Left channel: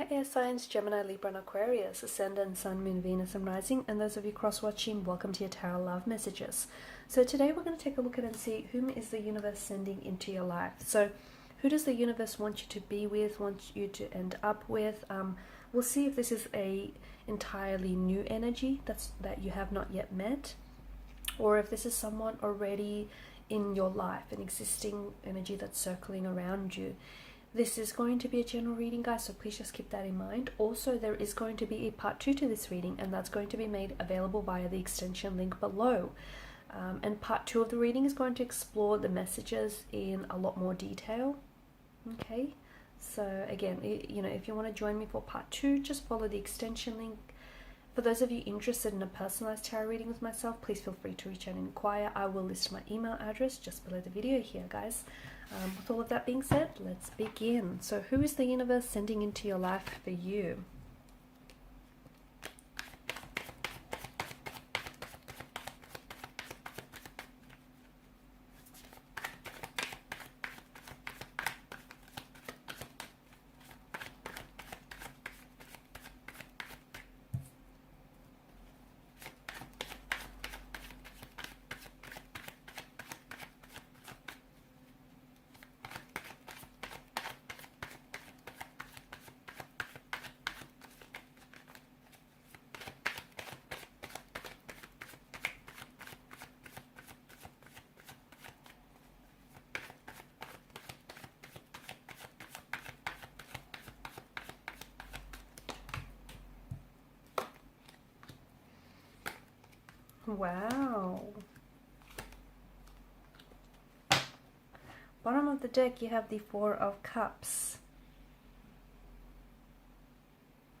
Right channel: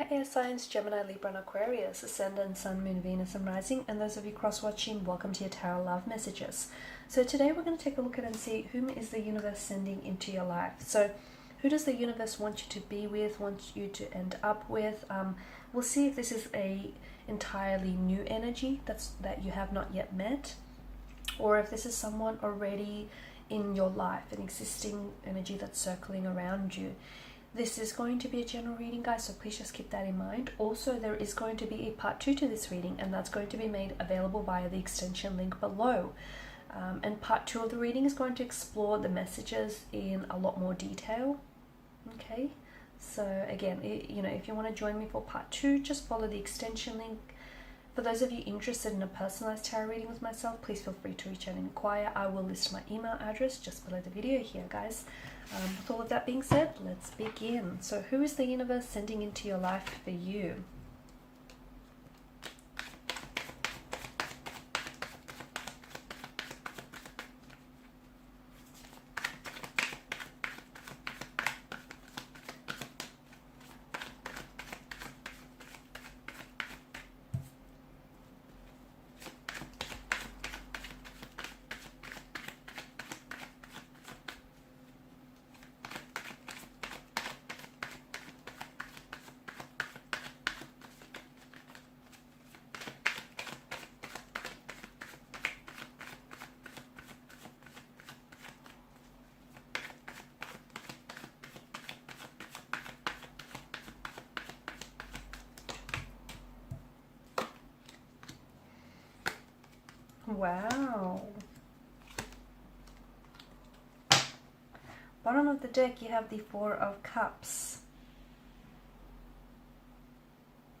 Hi air signs, Gemini, Libra and Aquarius, Ascendant, Sun, Moon, Venus and Rising, and those of you cross-watching, welcome to your Tarot Love Messages. So today we're going to take a look at and see whom is the universe sending into your life. So who does the universe want you to be with, want you to end up with? We'll see if this is a entirely new energy that you have not yet met, or if this is someone already in your life, an existing energy that's circling around you. This is going to be a general reading, guys, so please just keep that in mind. Also, there is going to be a part 2 to this reading, and that's going to be made available via the extension link below. And part 2 of the reading is going to explore the messages in a lot more detail. Okay, so again, if you want to join me for part 2, just follow the extension link. For those of you interested in a personalized tarot reading with myself, please feel free to reach out and inquire. I will list my email address just below the video here, guys. With all of that being said, let's begin. So who is the universe sending into your life for you? Wow. Bottom of the deck, you have the Four of Cups.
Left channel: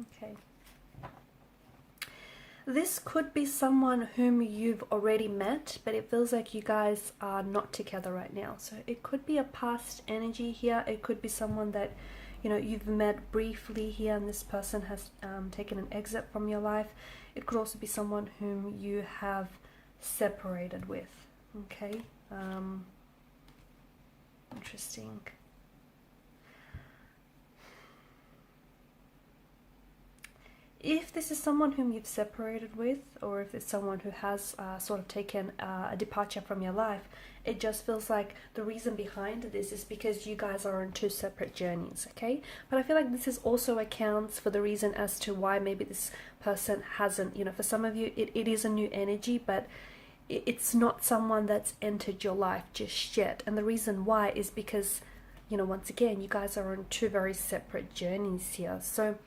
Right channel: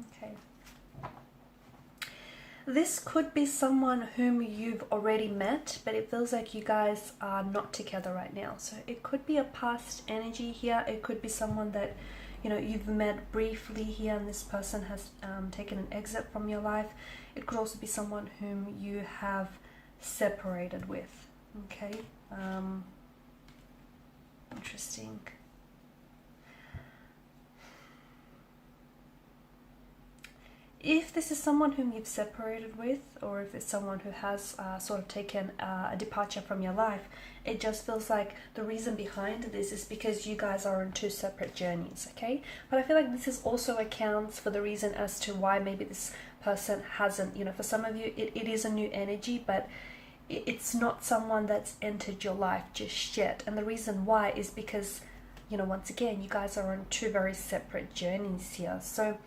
Okay. This could be someone whom you've already met, but it feels like you guys are not together right now. So it could be a past energy here. It could be someone that, you've met briefly here and this person has taken an exit from your life. It could also be someone whom you have separated with. Okay. Interesting. If this is someone whom you've separated with, or if it's someone who has sort of taken a departure from your life, it just feels like the reason behind this is because you guys are on two separate journeys, okay? But I feel like this is also accounts for the reason as to why maybe this person hasn't, for some of you, it is a new energy, but it's not someone that's entered your life just yet. And the reason why is because, once again, you guys are on two very separate journeys here. So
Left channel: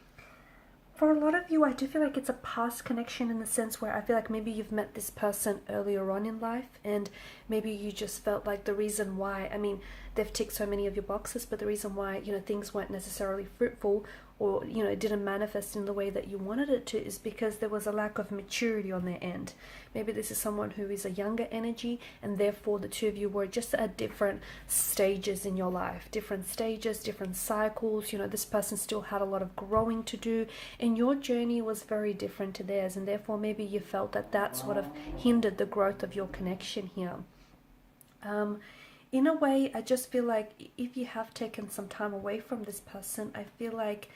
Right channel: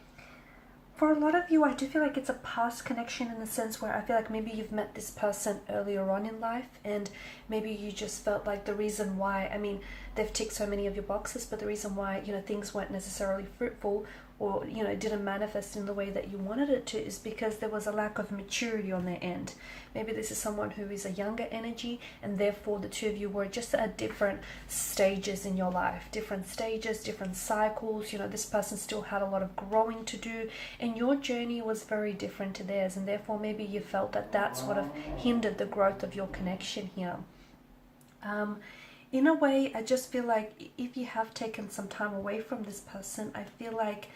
for a lot of you, I do feel like it's a past connection in the sense where I feel like maybe you've met this person earlier on in life, and maybe you just felt like the reason why, they've ticked so many of your boxes, but the reason why, things weren't necessarily fruitful, or, it didn't manifest in the way that you wanted it to, is because there was a lack of maturity on their end. Maybe this is someone who is a younger energy, and therefore the two of you were just at different stages in your life, different stages, different cycles. This person still had a lot of growing to do, and your journey was very different to theirs, and therefore maybe you felt that sort of hindered the growth of your connection here. In a way, I just feel like if you have taken some time away from this person, I feel like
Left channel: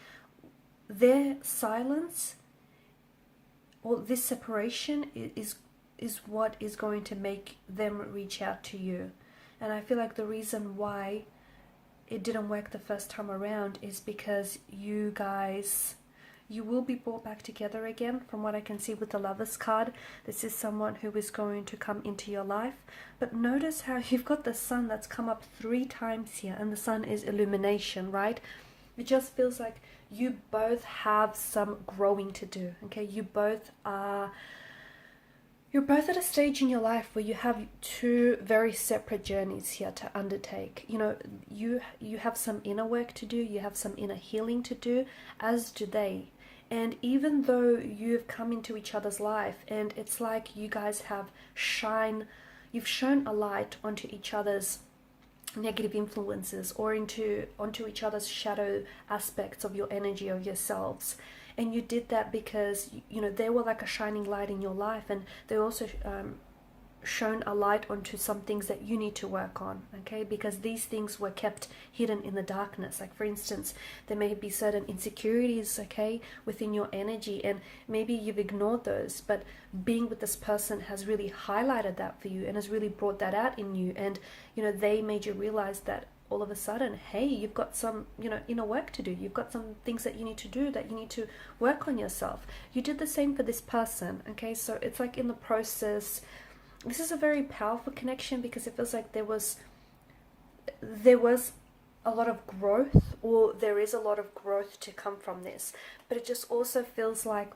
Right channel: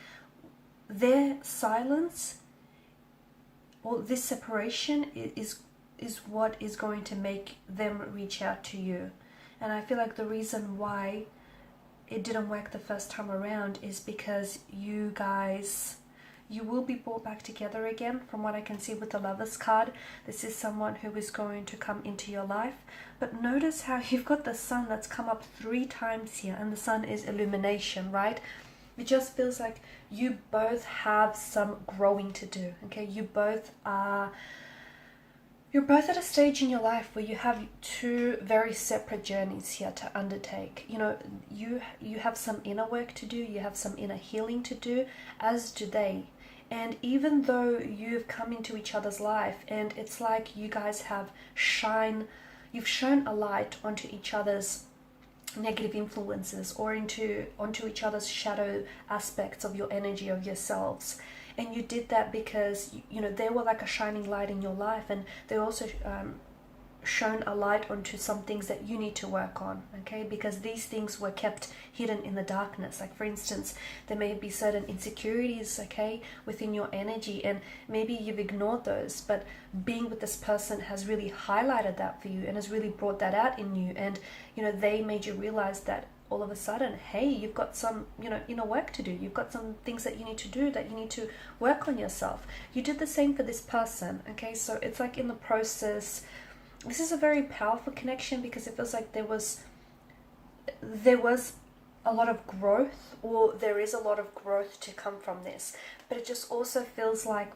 their silence or this separation is what is going to make them reach out to you. And I feel like the reason why it didn't work the first time around is because you will be brought back together again. From what I can see with the Lovers card, this is someone who is going to come into your life. But notice how you've got the Sun that's come up 3 times here, and the Sun is illumination, right? It just feels like you both have some growing to do, okay? You're both at a stage in your life where you have two very separate journeys here to undertake. You have some inner work to do, you have some inner healing to do, as do they. And even though you've come into each other's life, and it's like you guys you've shone a light onto each other's negative influences, or onto each other's shadow aspects of your energy, of yourselves. And you did that because, they were like a shining light in your life, and they also shown a light onto some things that you need to work on, okay? Because these things were kept hidden in the darkness. Like, for instance, there may be certain insecurities, okay, within your energy, and maybe you've ignored those, but being with this person has really highlighted that for you and has really brought that out in you. And, you know, they made you realize that all of a sudden, hey, you've got some, you know, inner work to do. You've got some things that you need to do, that you need to work on yourself. You did the same for this person, okay? So it's like in the process, this is a very powerful connection, because it feels like there was a lot of growth, or there is a lot of growth to come from this. But it just also feels like,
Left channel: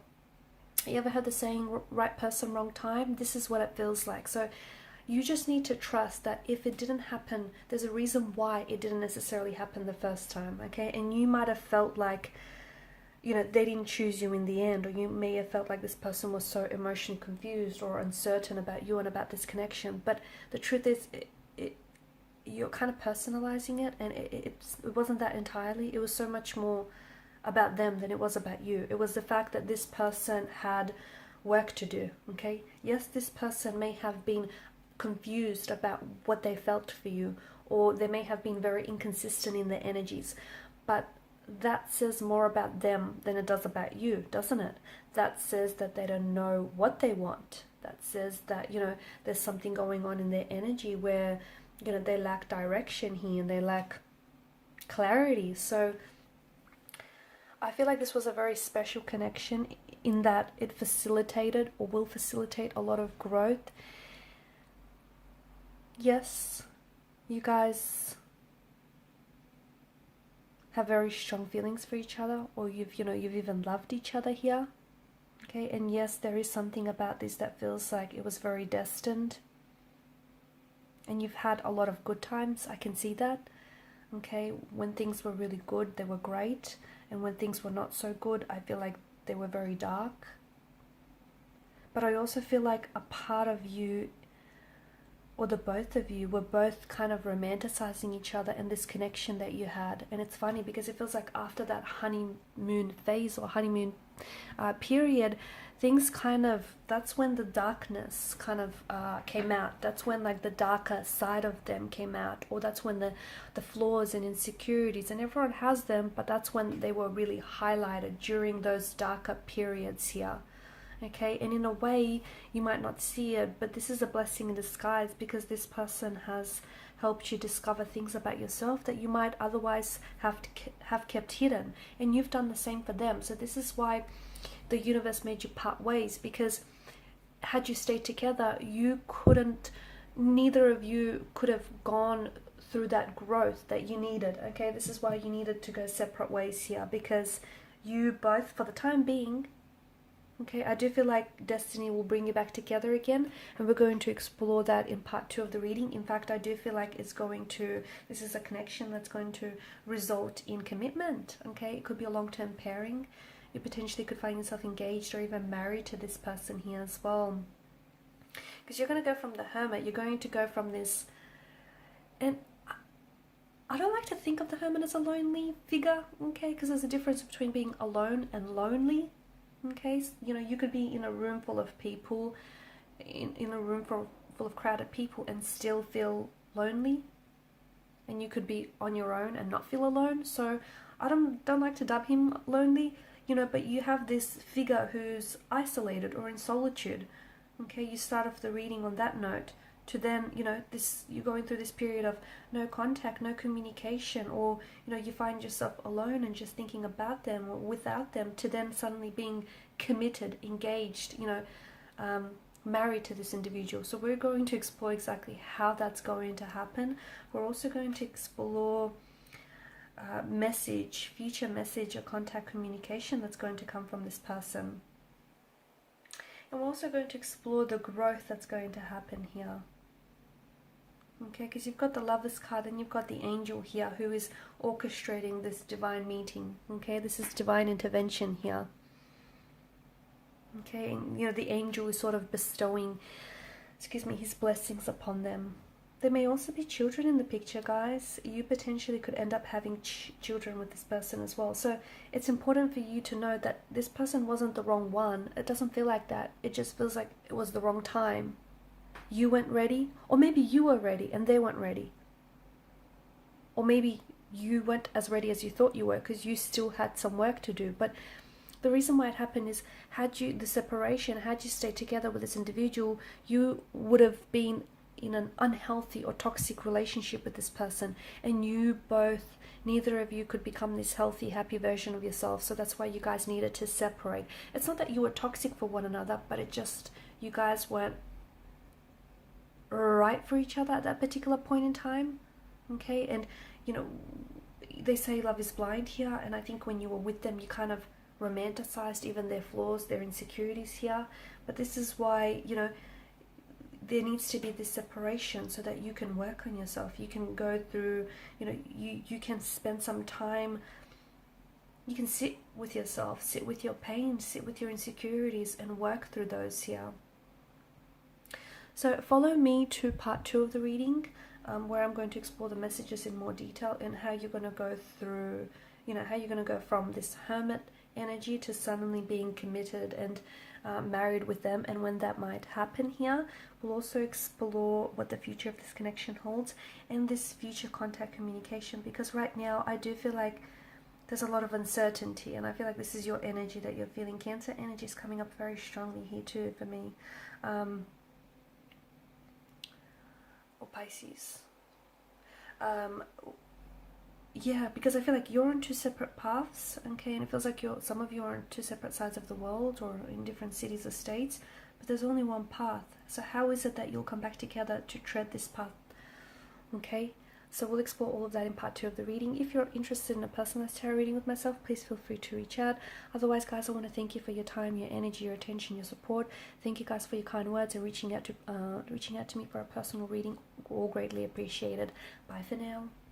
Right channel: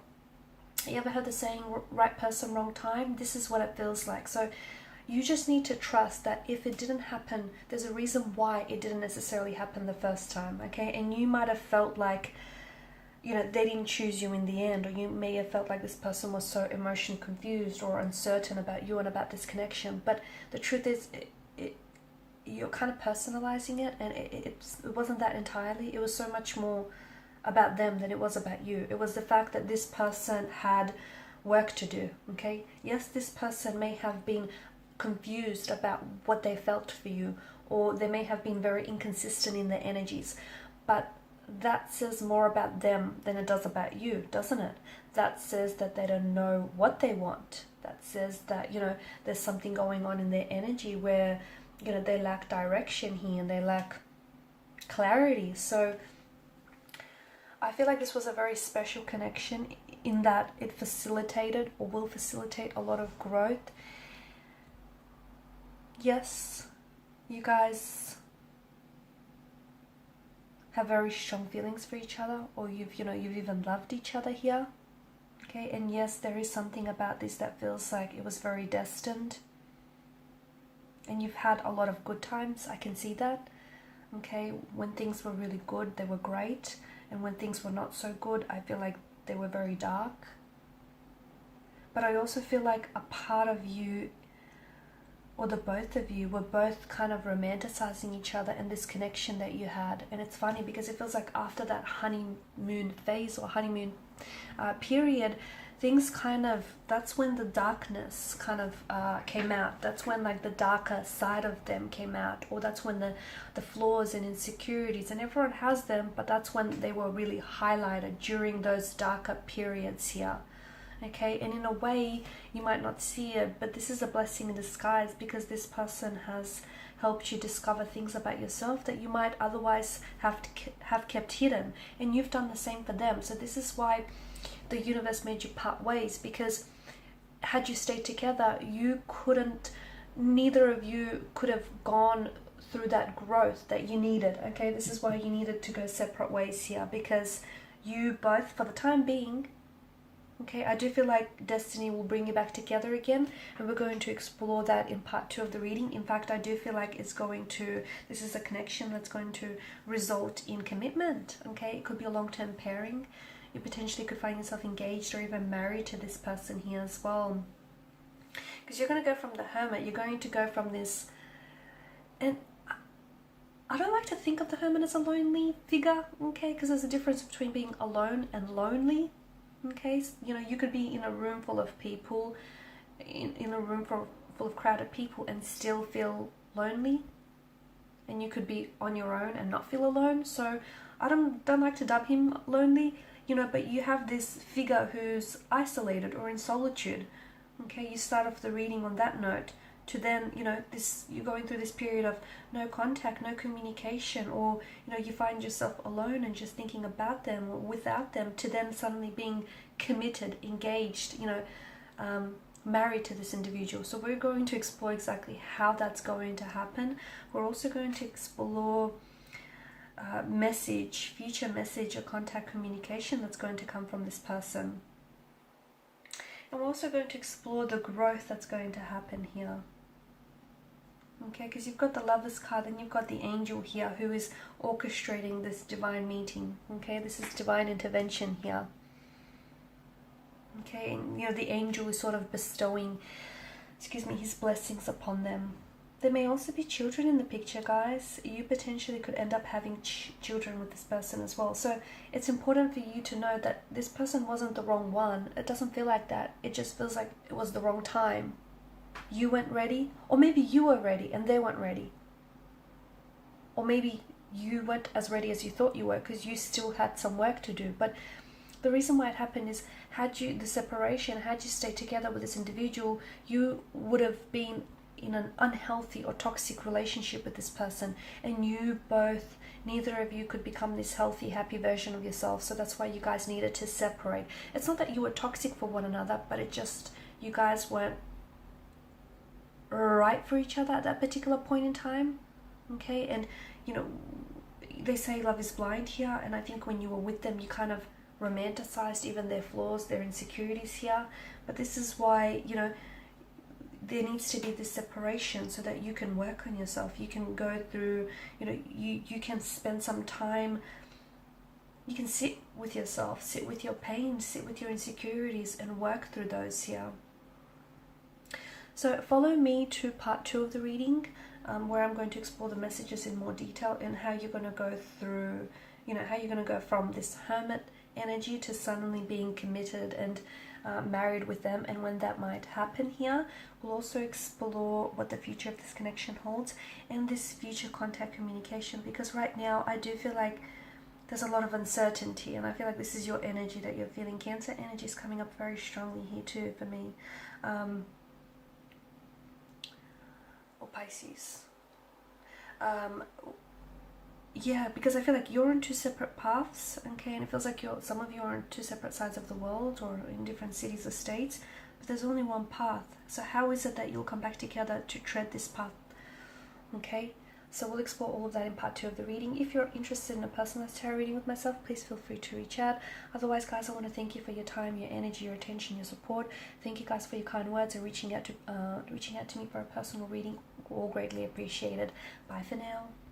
you ever heard the saying, right person, wrong time? This is what it feels like. So you just need to trust that if it didn't happen, there's a reason why it didn't necessarily happen the first time, okay? And you might have felt like, you know, they didn't choose you in the end, or you may have felt like this person was so emotionally confused or uncertain about you and about this connection. But the truth is, you're kind of personalizing it, and it wasn't that entirely. It was so much more about them than it was about you. It was the fact that this person had work to do, okay? Yes, this person may have been confused about what they felt for you, or they may have been very inconsistent in their energies, but that says more about them than it does about you, doesn't it? That says that they don't know what they want. That says that, you know, there's something going on in their energy where, you know, they lack direction here and they lack clarity. So I feel like this was a very special connection in that it facilitated, or will facilitate, a lot of growth. Yes, you guys have very strong feelings for each other, or you've even loved each other here, okay? And yes, there is something about this that feels like it was very destined, and you've had a lot of good times. I can see that, okay? When things were really good, they were great, and when things were not so good, I feel like they were very dark. But I also feel like a part of you, or the both of you, were both kind of romanticizing each other and this connection that you had. And it's funny because it feels like after that honeymoon phase, or honeymoon period, things kind of, that's when the darkness kind of came out. That's when like the darker side of them came out, or that's when the flaws and insecurities, and everyone has them, but that's when they were really highlighted, during those darker periods here. Okay, and in a way, you might not see it, but this is a blessing in disguise, because this person has helped you discover things about yourself that you might otherwise have kept hidden, and you've done the same for them. So this is why the universe made you part ways, because had you stayed together, neither of you could have gone through that growth that you needed. Okay, this is why you needed to go separate ways here, because you both, for the time being, okay, I do feel like destiny will bring you back together again, and we're going to explore that in part 2 of the reading. In fact, I do feel like this is a connection that's going to result in commitment, okay? It could be a long-term pairing. You potentially could find yourself engaged or even married to this person here as well. Because you're going to go from the Hermit, you're going to go from this, and I don't like to think of the Hermit as a lonely figure, okay? Because there's a difference between being alone and lonely. Okay, you know, you could be in a room full of people, in a room full of crowded people, and still feel lonely, and you could be on your own and not feel alone. So I don't like to dub him lonely, you know, but you have this figure who's isolated or in solitude. Okay, you start off the reading on that note, to then, you know, you're going through this period of no contact, no communication, or, you know, you find yourself alone and just thinking about them or without them, to then suddenly being committed, engaged, you know, married to this individual. So we're going to explore exactly how that's going to happen. We're also going to explore future message or contact communication that's going to come from this person. And we're also going to explore the growth that's going to happen here. Okay, because you've got the Lovers card and you've got the Angel here who is orchestrating this divine meeting. Okay, this is divine intervention here. Okay, and you know, the Angel is sort of bestowing, his blessings upon them. There may also be children in the picture, guys. You potentially could end up having children with this person as well. So it's important for you to know that this person wasn't the wrong one. It doesn't feel like that. It just feels like it was the wrong time. you weren't ready, or maybe you were ready and they weren't ready. Or maybe you weren't as ready as you thought you were because you still had some work to do. But the reason why it happened is, had you stayed together with this individual, you would have been in an unhealthy or toxic relationship with this person, and neither of you could become this healthy, happy version of yourself. So that's why you guys needed to separate. It's not that you were toxic for one another, but you guys weren't right for each other at that particular point in time. Okay, and they say love is blind here, and I think when you were with them, you kind of romanticized even their flaws, their insecurities here. But this is why, there needs to be this separation so that you can work on yourself. You can go through, you can spend some time, you can sit with yourself, sit with your pain, sit with your insecurities and work through those here. So follow me to part 2 of the reading, where I'm going to explore the messages in more detail and how you're going to go through, how you're going to go from this hermit energy to suddenly being committed and married with them, and when that might happen here. We'll also explore what the future of this connection holds and this future contact communication, because right now I do feel like there's a lot of uncertainty, and I feel like this is your energy that you're feeling. Cancer energy is coming up very strongly here too for me. Or Pisces. Yeah, because I feel like you're on 2 separate paths, okay, and it feels like some of you are on 2 separate sides of the world or in different cities or states, but there's only one path. So how is it that you'll come back together to tread this path? Okay, so we'll explore all of that in part 2 of the reading. If you're interested in a personalized tarot reading with myself, please feel free to reach out. Otherwise, guys, I want to thank you for your time, your energy, your attention, your support. Thank you guys for your kind words and reaching out to me for a personal reading. All greatly appreciated. Bye for now.